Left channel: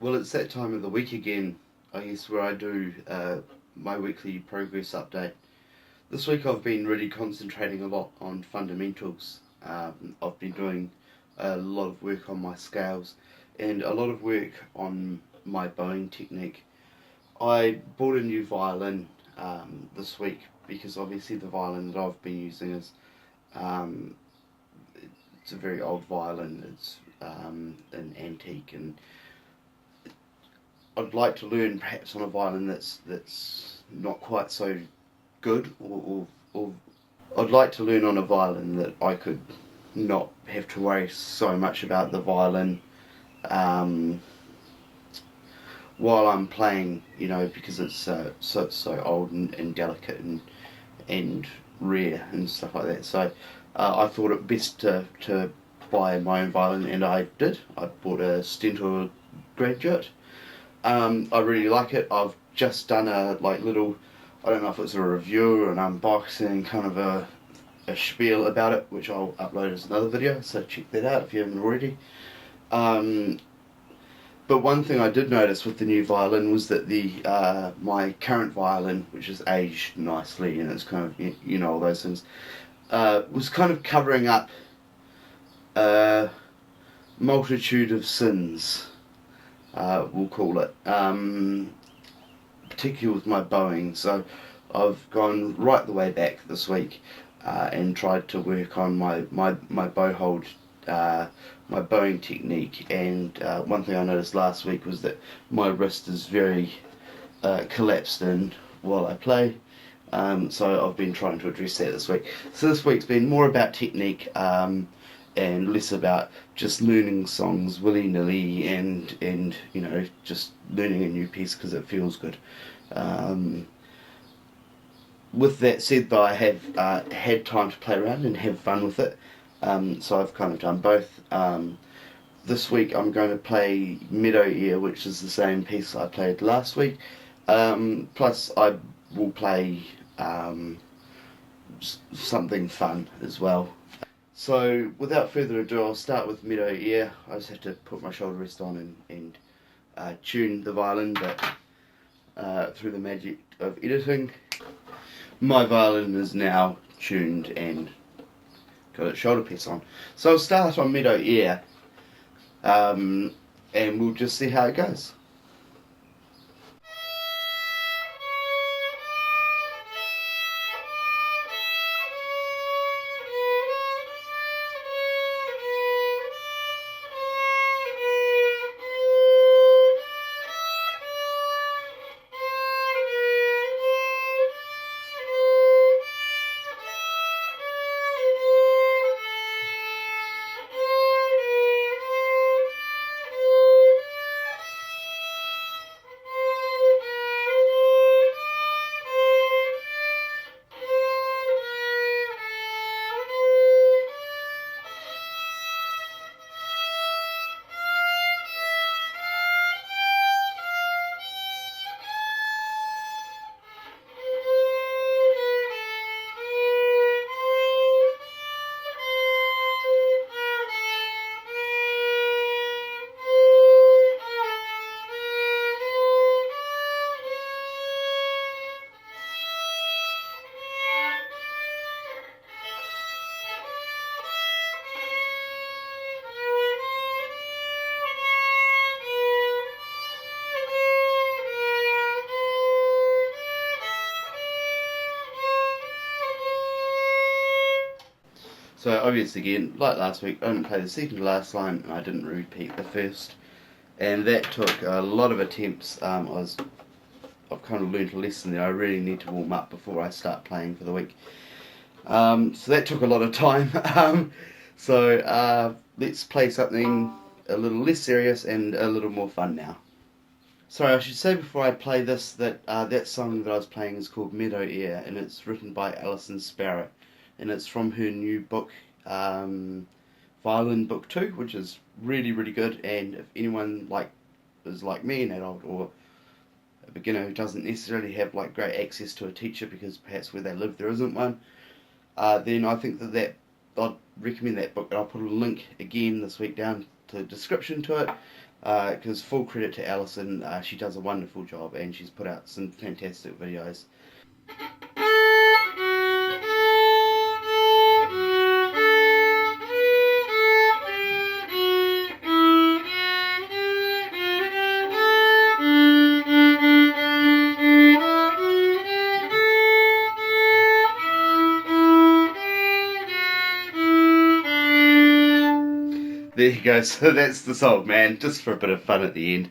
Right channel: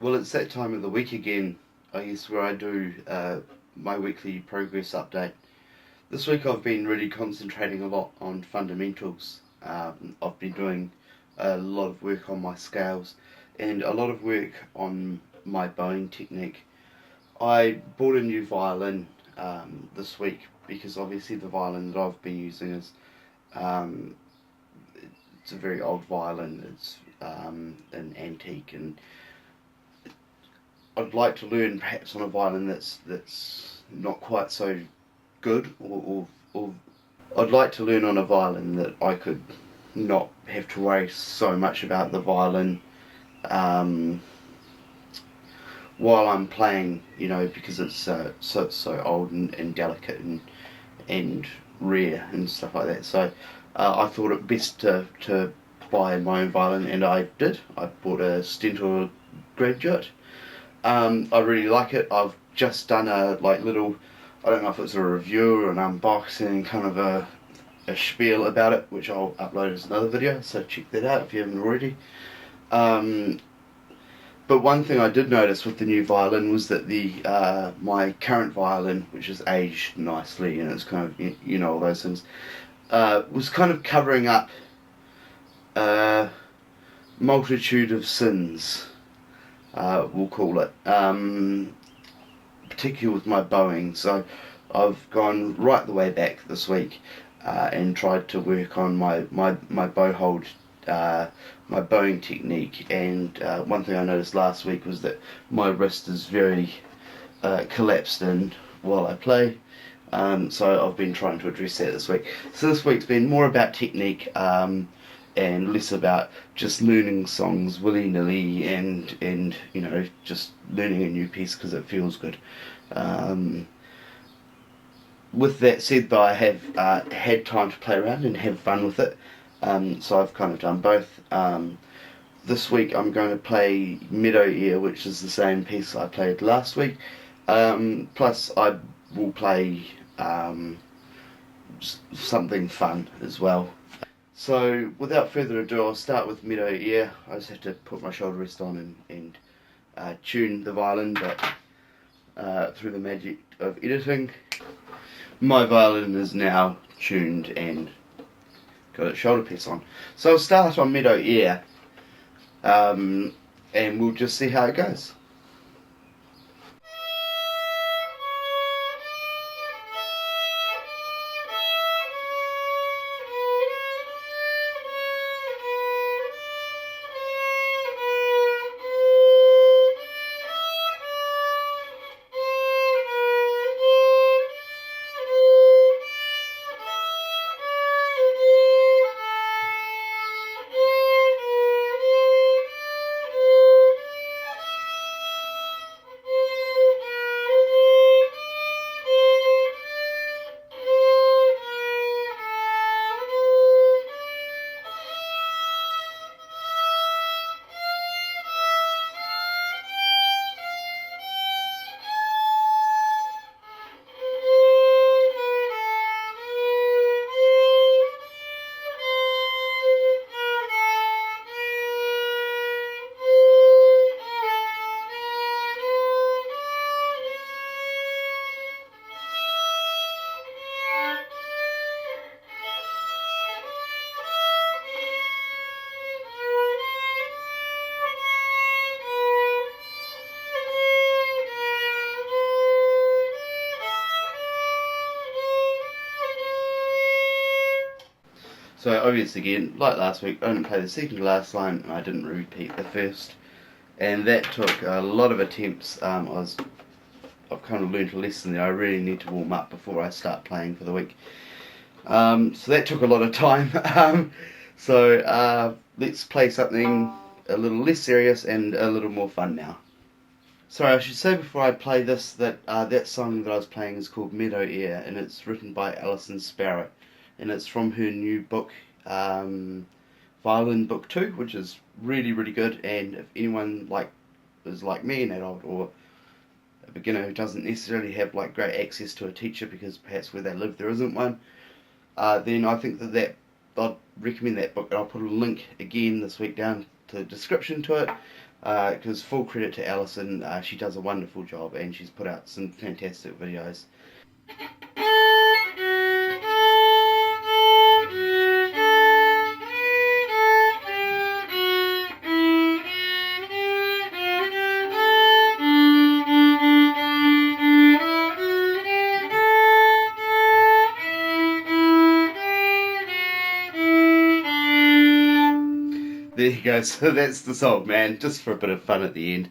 Well, it's that time of the week again, I guess, where I do my weekly progress update. This week I've been really concentrating a lot on fundamentals. I've been doing a lot of work on my scales and a lot of work on my bowing technique. I bought a new violin this week because obviously the violin that I've been using is um, it's a very old violin. It's an antique, and I'd like to learn perhaps on a violin that's not quite so good, or I'd like to learn on a violin that I could not have to worry so much about the violin um, while I'm playing, because it's so old and delicate and rare and stuff like that. So I thought it best to buy my own violin, and I did. I bought a Stentor Graduate. I really like it. I've just done a little, I don't know if it's a review or an unboxing, kind of a spiel about it, which I'll upload as another video, so check that out if you haven't already. Um, but one thing I did notice with the new violin was that the my current violin, which is aged nicely and it's kind of, all those things, was kind of covering up a multitude of sins, we'll call it, particularly with my bowing. So I've gone right the way back this week and tried to work on my bow hold, my bowing technique. And one thing I noticed last week was that my wrist is very collapsed in while I play. So I've been trying to address that this week. So this week's been more about technique and less about just learning songs willy-nilly and just learning a new piece because it feels good. Um, with that said, though, I have had time to play around and have fun with it. So I've kind of done both. This week I'm going to play Meadow Ayre, which is the same piece I played last week. Plus I will play something fun as well. So without further ado, I'll start with Meadow Ayre. I just have to put my shoulder rest on and tune the violin, but through the magic of editing, my violin is now tuned and got its shoulder piece on. So I'll start on Meadow Ayre, and we'll just see how it goes. So obviously again, like last week, I didn't play the second to last line and I didn't repeat the first. And that took a lot of attempts. I've kind of learned a lesson there. I really need to warm up before I start playing for the week. So that took a lot of time. So let's play something a little less serious and a little more fun now. Sorry, I should say before I play this that that song that I was playing is called Meadow Ayre, and it's written by Alison Sparrow, and it's from her new book, Violin Book 2, which is really, really good. And if anyone is like me, an adult or a beginner who doesn't necessarily have great access to a teacher because perhaps where they live there isn't one, then I think that I'd recommend that book, and I'll put a link again this week down to the description to it. Because full credit to Alison, she does a wonderful job and she's put out some fantastic videos. There you go, so that's the song, man, just for a bit of fun at the end.